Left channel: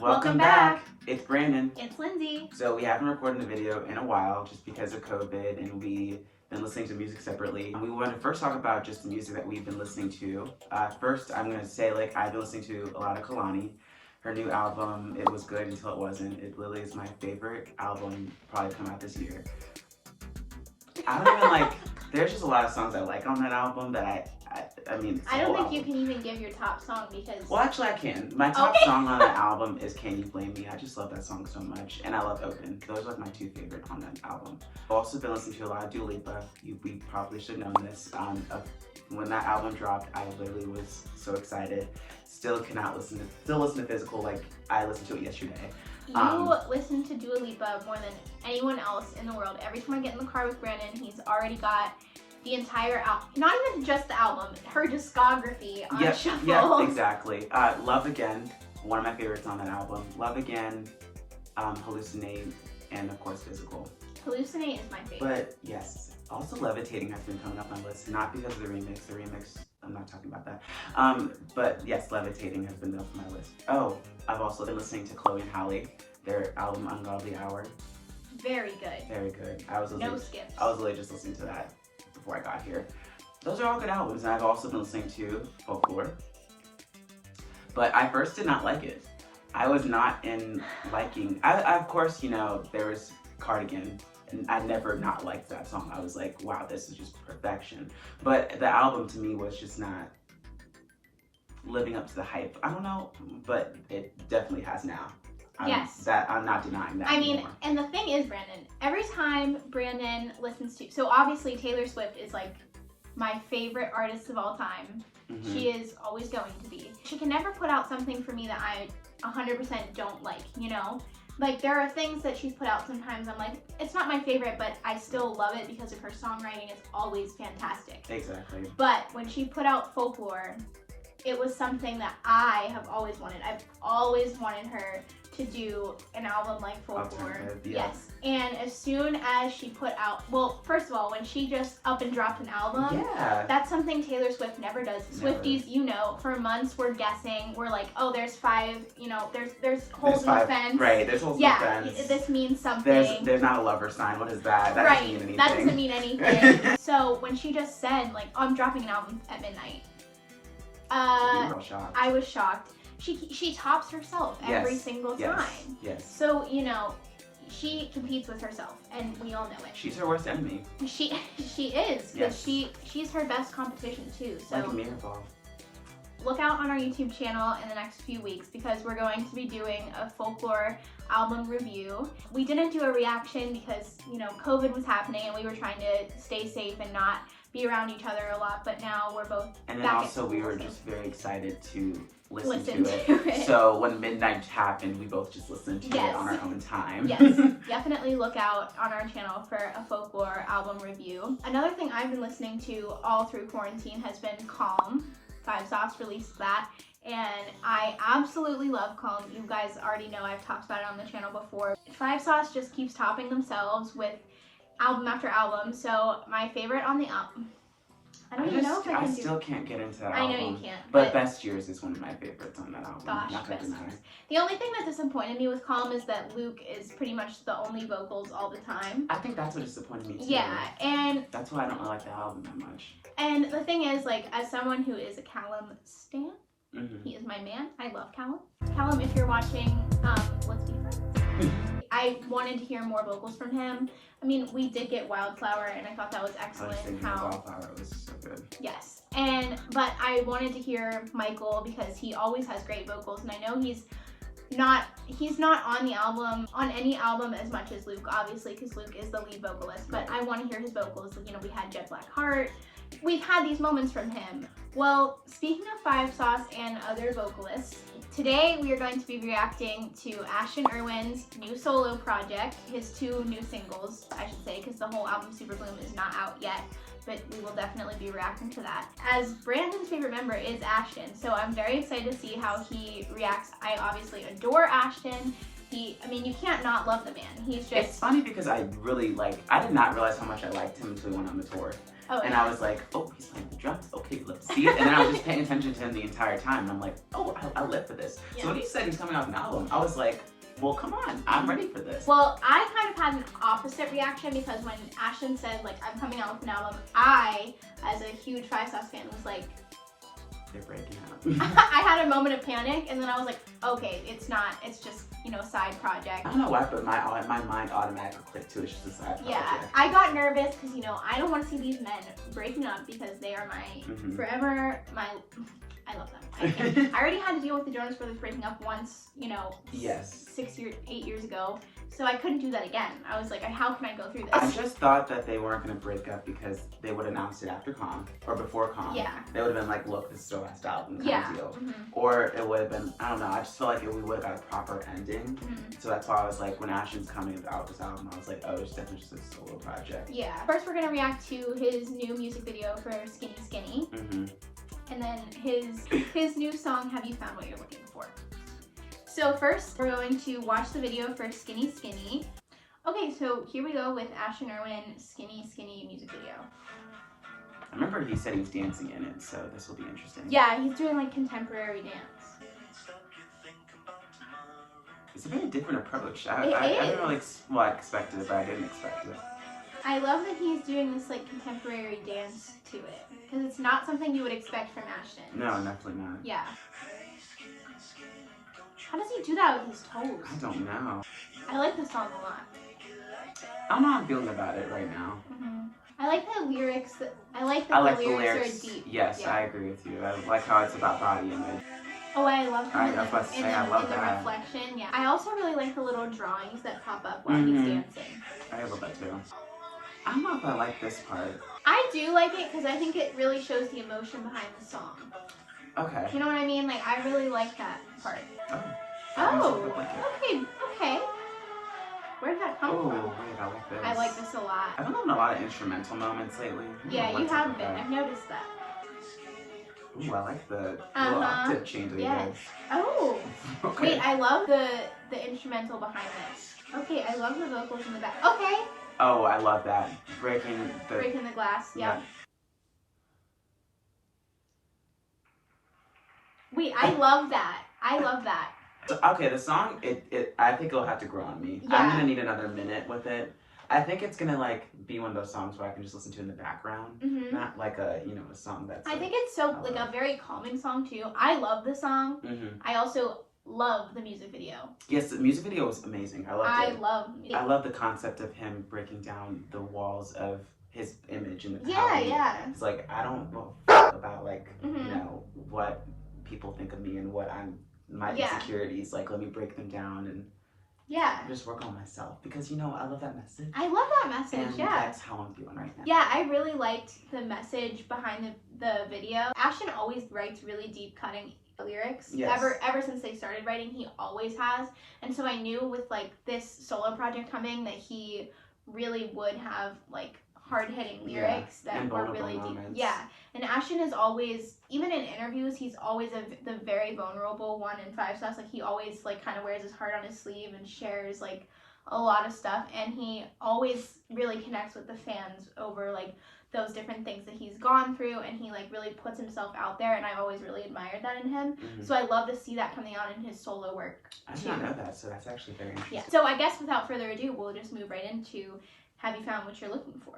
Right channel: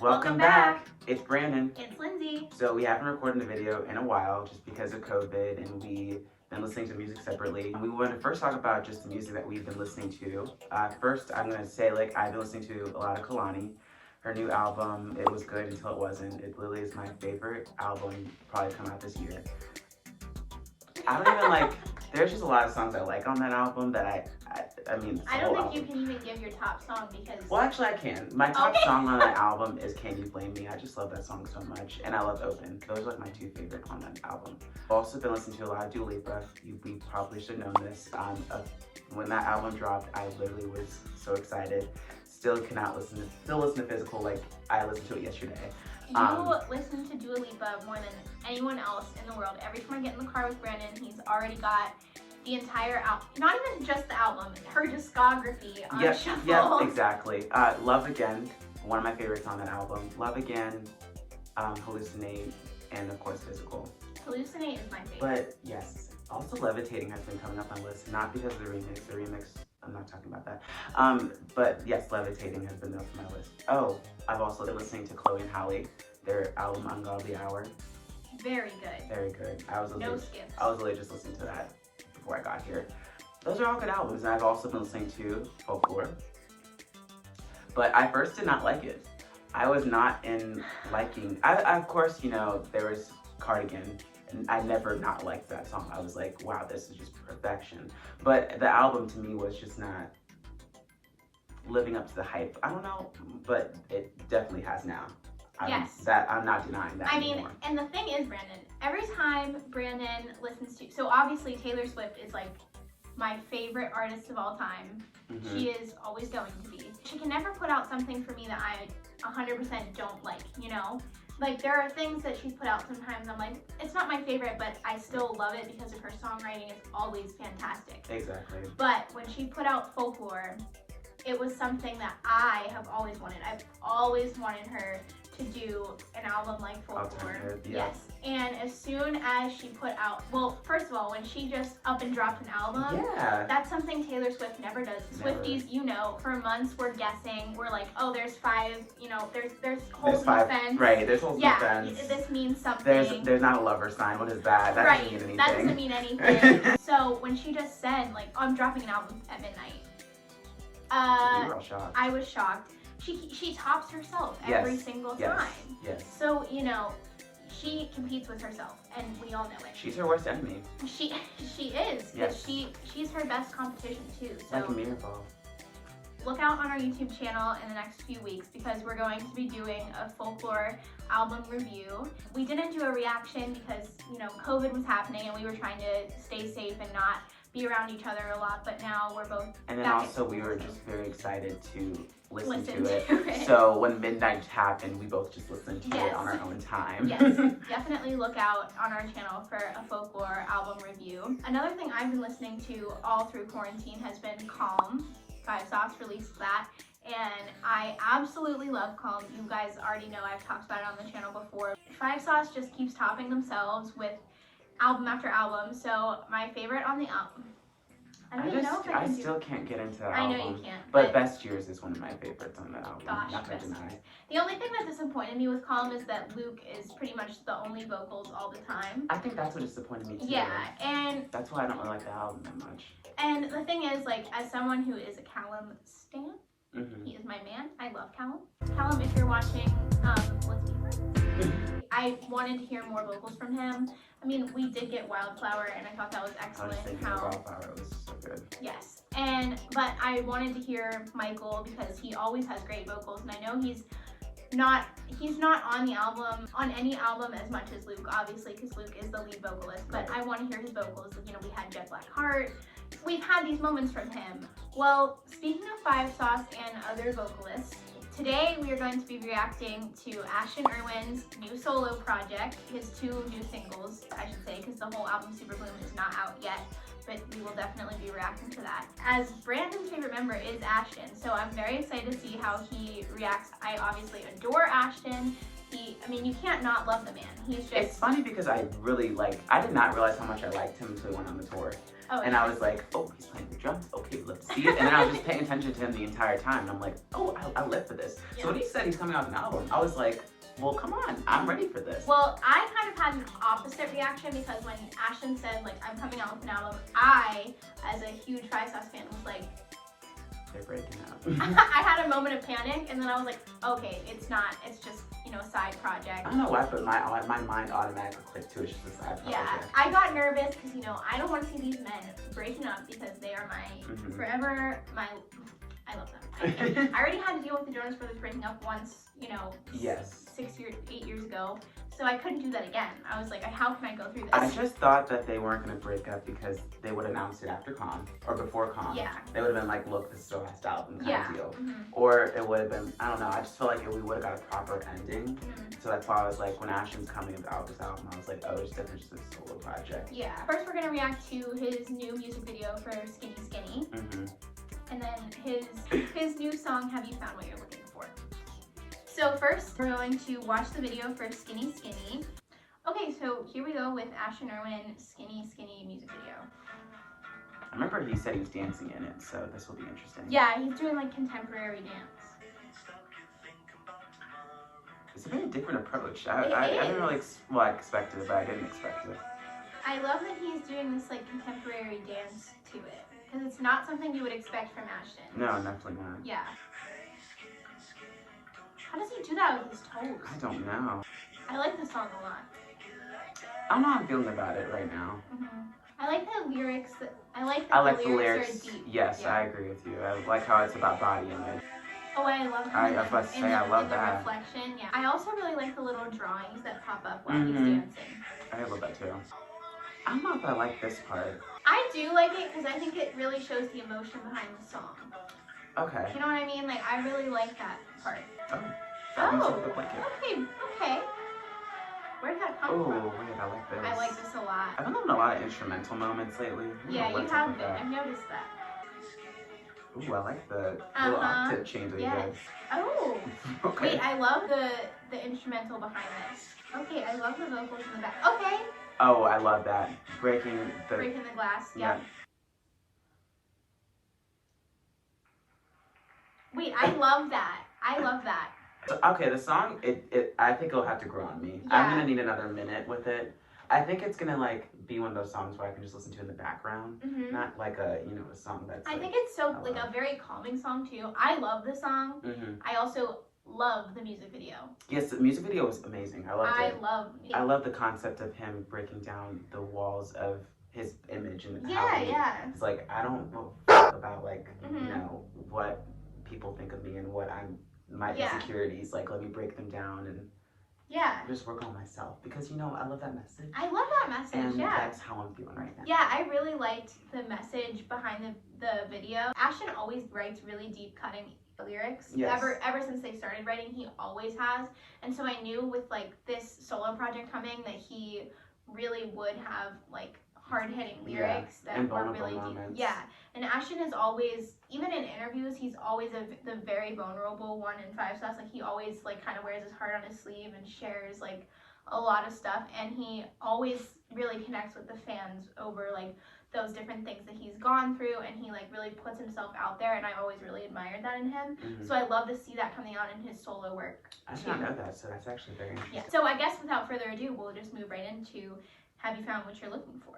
Welcome back. It's Brandon. It's Lindsey. So we haven't recorded a video in a while just because of COVID, and we've been listening to music separately. We want to first talk about just the music that we've been listening to. First, I'm going to say, I've been listening to a lot of Kalani. Her new album, it was good until it wasn't. It literally is my favorite album, probably come out this year. I don't even there's just a lot of songs I like on that album that I mean, I don't think you can even give your top song because... Well, actually I can. My top song on that album is Can You Blame Me? I just love that song so much. And I love Open. Those are my two favorite on that album. I've also been listening to a lot of Dua Lipa. We probably should know this. When that album dropped, I literally was so excited. Still listen to Physical like I listened to it yesterday. You listen to Dua Lipa more than anyone else in the world. Every time I get in the car with Brandon, he's already got the entire album, not even just the album, her discography on shuffle. Yeah, exactly. Love Again, one of my favorites on that album. Love Again, Hallucinate, and of course Physical. Hallucinate is my favorite. But yes, also Levitating has been coming up on lists, not because of the remix. The remix, I'm not talking about that. But yes, Levitating has been up on my list. Oh, I've also been listening to Chloe and Halle, their album Ungodly Hour. Very good. Very good. No skips. I was literally just listening to that before I got here. Those are all good albums. I've also been listening to Folklore. But I first did not like it. I was not in liking, of course, you know, there was Cardigan, and I never not liked that song. I was like, wow, this is just perfection. But the album to me was just not living up to the hype. I don't know, but it definitely has now. Yes. I'm not denying that anymore. And the thing is, Brandon, every time Brandon listens to, so obviously Taylor Swift is like my favorite artist of all time. Mm-hmm. She is always going to be. She can never put out something for me that I 100% don't like, you know? Like, there are things that she's put out sometimes I'm like, it's not my favorite, but I still love it because of her songwriting is always fantastic. Exactly. But when she put out Folklore, it was something that I have always wanted. I've always wanted her to do an album like Folklore. Yeah. Yes. And as soon as she put out, well, first of all, when she just up and dropped an album, that's something Taylor Swift never does. Never. Swifties, you know, for months we're guessing. We're like, oh, there's 5, you know, there's holes in the fence. Right, there's holes in the fence. Yeah, this means something. There's not a lover sign. What is that? That doesn't mean anything. That doesn't mean anything. So when she just said, like, oh, I'm dropping an album at midnight. You were all shocked. I was shocked. She tops herself every single time. Yes. So, you know, she competes with herself, and we all know it. She's her worst enemy. She is, because she's her best competition too. So like a miracle. Look out on our YouTube channel in the next few weeks because we're going to be doing a Folklore album review. We didn't do a reaction because, you know, COVID was happening and we were trying to stay safe and not be around each other a lot, but now we're both And then back also we were just very excited to listen to it. it. So when midnight happened, we both just listened to it on our own time. Yes, definitely look out on our channel for a Folklore album review. Another thing I've been listening to all through quarantine has been Calm. 5 Sauce released that, and I absolutely love Calm. You guys already know I've talked about it on the channel before. 5 Sauce just keeps topping themselves with album after album, so my favorite on the album, I still can't get into that album. I know you can't. But Best Years is one of my favorites on that album. Gosh, not gonna deny. The only thing that disappointed me with Calm is that Luke is pretty much the only vocals all the time. I think that's what disappointed me too. Yeah, and that's why I don't really like the album that much. And the thing is, like, as someone who is a Callum stan, he is my man. I love Callum. Callum, if you're watching, let's be friends. I wanted to hear more vocals from him. I mean, we did get Wildflower, and I thought that was excellent. I was thinking Wildflower was so good. Yes, but I wanted to hear Michael because he always has great vocals, and I know he's not on the album, on any album as much as Luke, obviously, because Luke is the lead vocalist, but I want to hear his vocals. You know, we had Jet Black Heart. We've had these moments from him. Well, speaking of 5 Sauce and other vocalists, today we are going to be reacting to Ashton Irwin's new solo project, his 2 new singles, I should say, because the whole album Super Bloom is not out yet, but we will definitely be reacting to that. As Brandon's favorite member is Ashton, so I'm very excited to see how he reacts. I obviously adore Ashton, I mean, you can't not love the man. He's just. It's funny because I did not realize how much I liked him until he went on the tour. Oh, and I was like, oh, he's playing the drums. Okay, let's see it. And then I was just paying attention to him the entire time. And I'm like, oh, I live for this. Yeah. So when he said he's coming out with an album, I was like, well, come on, I'm ready for this. Well, I kind of had an opposite reaction because when Ashton said, like, I'm coming out with an album, I, as a huge Five Sauce fan, was like, they're breaking up. I had a moment of panic, and then I was like, okay, it's not, it's just, you know, side project. I don't know why, but my mind automatically clicked to it's just a side project. Yeah, I got nervous because, you know, I don't want to see these men breaking up because they are my forever, I love them. I already had to deal with the Jonas Brothers breaking up once, you know, yes. 8 years ago. So I couldn't do that again. I was like, how can I go through this? I just thought that they weren't going to break up because they would announce it after Com or before Com. Yeah. They would have been like, look, this is our last album kind Yeah. of deal. Or it would have been, I don't know, I just feel like we would have got a proper ending. So that's why I was like, when Ashton's coming out with this album, I was like, oh, it's definitely just a solo project. Yeah. First, we're going to react to his new music video for Skinny Skinny. And then his new song, Have You Found What You're Looking For? So first, we're going to watch the video for Skinny Skinny. Okay, so here we go with Ashton Irwin, Skinny Skinny music video. I remember he said he was dancing in it, so this will be interesting. Yeah, he's doing like contemporary dance. It's a very different approach. I didn't really expect it, but I didn't expect it. I love that he's doing this like contemporary dance to it, because it's not something you would expect from Ashton. No, definitely not. Yeah. How does he do that with his toes? I don't know. I like this song a lot. I don't know how I'm feeling about it right now. I like the lyrics. I like the lyrics are deep. Yes, yeah. I agree with you. I like how it's about body image. Oh, and I love him I was about to say, I love the that. reflection. Yeah. I also really like the little drawings that pop up while he's dancing. I love that too. I don't know if I like this part. I do like it because I think it really shows the emotion behind the song. Okay. You know what I mean? Like, I really like that part. Oh. Okay. Where did that come from? Oh, wait, I like this. I like this a lot. I've been having a lot of instrumental moments lately. Yeah, you have been. I've noticed that. Ooh, I like the little octave change that he Yes. did. Oh. Okay. Wait, I love the instrumental behind this. Okay, I love the vocals in the back. Okay. Oh, I love that. Breaking the glass, yeah. Wait, I love that. I love that. Okay, the song, I think it'll have to grow on me. Yeah. I'm gonna need another minute with it. I think it's gonna like be one of those songs where I can just listen to in the background, not like a a song that's. I think it's so like a very calming song too. I love the song. I also love the music video. Yes, the music video was amazing. I loved it. I love the concept of him breaking down the walls of his image and how it's like, I don't know about like what people think of me and what my insecurities. Like, let me break them down and just work on myself, because I love that message. I love that message. And that's how I'm feeling right now. Yeah, I really liked the message behind the video. Ashton always writes really deep cutting lyrics. Yes. Ever since they started writing, he always has. And so I knew with like this solo project coming that he really would have like hard-hitting lyrics that were really moments. deep. Yeah. And Ashton is always, even in interviews, he's always the very vulnerable one in Five Sauce. Like, he always like kind of wears his heart on his sleeve and shares like a lot of stuff, and he always really connects with the fans over like those different things that he's gone through, and he like really puts himself out there, and I've always really admired that in him. So I love to see that coming out in his solo work I did not know that, so that's actually very interesting. Yeah. So I guess without further ado, we'll just move right into Have You Found What You're Looking For?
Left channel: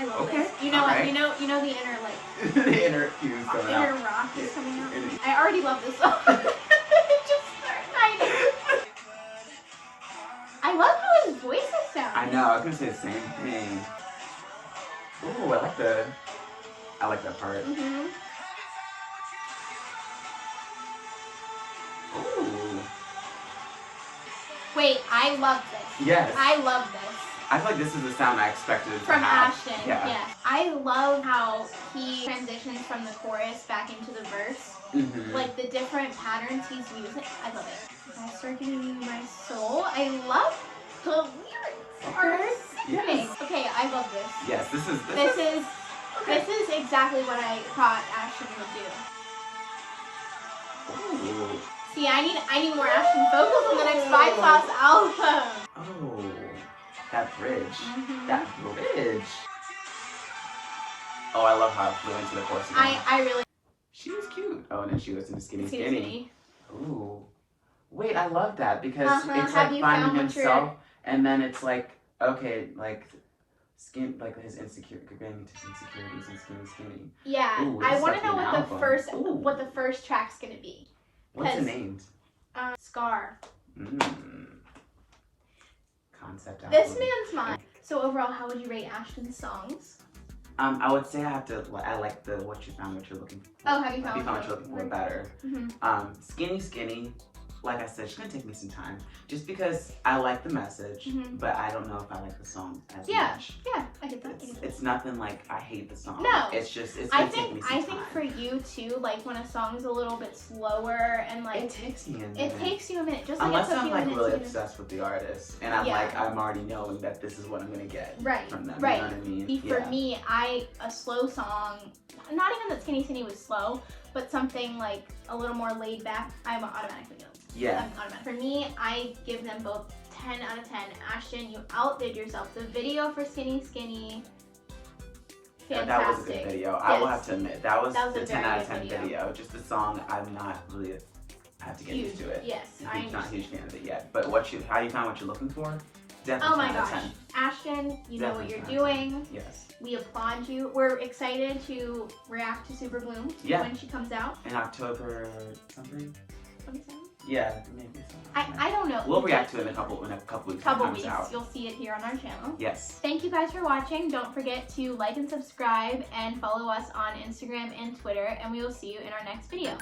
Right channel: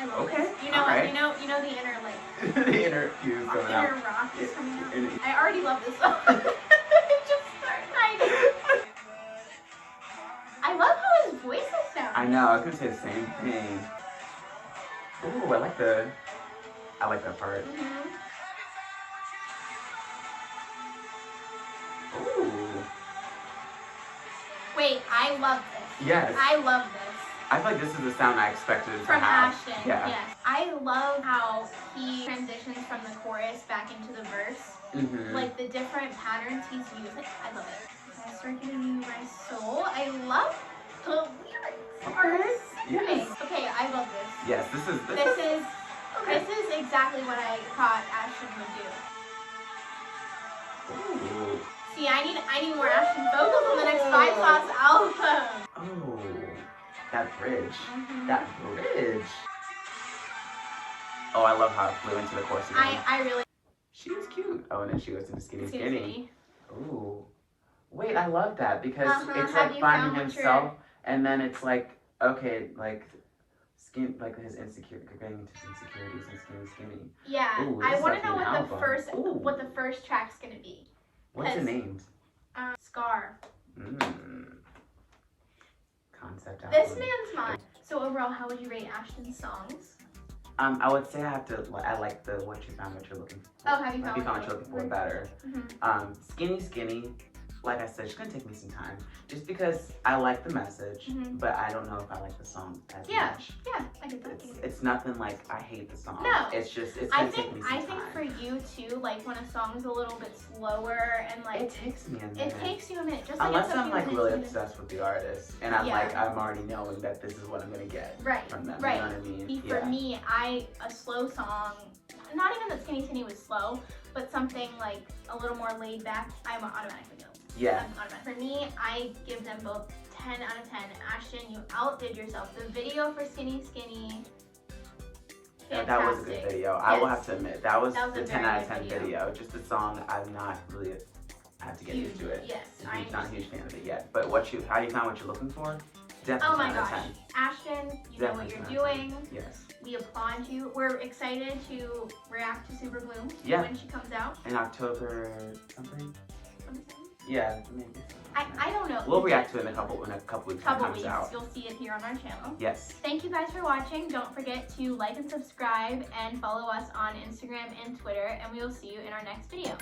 I love this. You know the inner like the inner fuse coming out. Inner rock is coming out. I already love this song. It just started. I love how his voice is sounding. I know, I was gonna say the same thing. Ooh, I like that part. Ooh. Wait, I love this. Yes. I love this. I feel like this is the sound I expected from Ashton. Yeah. Yes. I love how he transitions from the chorus back into the verse. Like the different patterns he's using. I love it. I start giving you my soul. I love the lyrics. Yes. Okay, I love this. Yes, this is exactly what I thought Ashton would do. Ooh. See, I need more Ashton vocals on the next Five Sauce album. Oh, that bridge. Mm-hmm. That bridge. Oh, I love how it flew into the chorus again. I really. She was cute. Oh, and then she goes into skinny. Skinny. Ooh. Wait, I love that because it's Have like you finding found what himself, and then it's like, okay, like skin, like his insecurities and skinny. Yeah, Ooh, I this want is to know like an album. what the first track's gonna be. What's it named? Scar. Concept album. This man's mine. So overall, how would you rate Ashton's songs? I would say I like the what you found, what you're looking for. Oh, have you found what you're looking for better. Mm-hmm. Skinny. Like I said, it's gonna take me some time, just because I like the message, but I don't know if I like the song as much. Yeah, I get that. It's nothing like I hate the song. No, it's just it's gonna take me some time. I think for you too, like when a song's a little bit slower and like it takes me a minute. It takes you a minute, just unless like I'm like really obsessed with the artist, and I'm like I'm already knowing that this is what I'm gonna get from them. Right. You know what I mean? For me, a slow song, not even that Skinny was slow, but something like a little more laid back, I'm automatically know. Yeah. For me, I give them both 10 out of 10. Ashton, you outdid yourself. The video for Skinny, fantastic. That was a good video. Yes. I will have to admit, that was a the 10 very out of good 10 video. Just the song, I'm not really, I have to get Huge. used to it. Yes, I'm not a huge fan of it yet. But how you found what you're looking for? Definitely oh my 10 out of gosh. 10. Ashton, you know what you're 10 doing. Yes. We applaud you. We're excited to react to Super Bloom when she comes out. In October something? 27? Yeah, maybe so. I don't know. We'll react to it in a couple weeks when it comes out. You'll see it here on our channel. Yes. Thank you guys for watching. Don't forget to like and subscribe and follow us on Instagram and Twitter, and we will see you in our next video.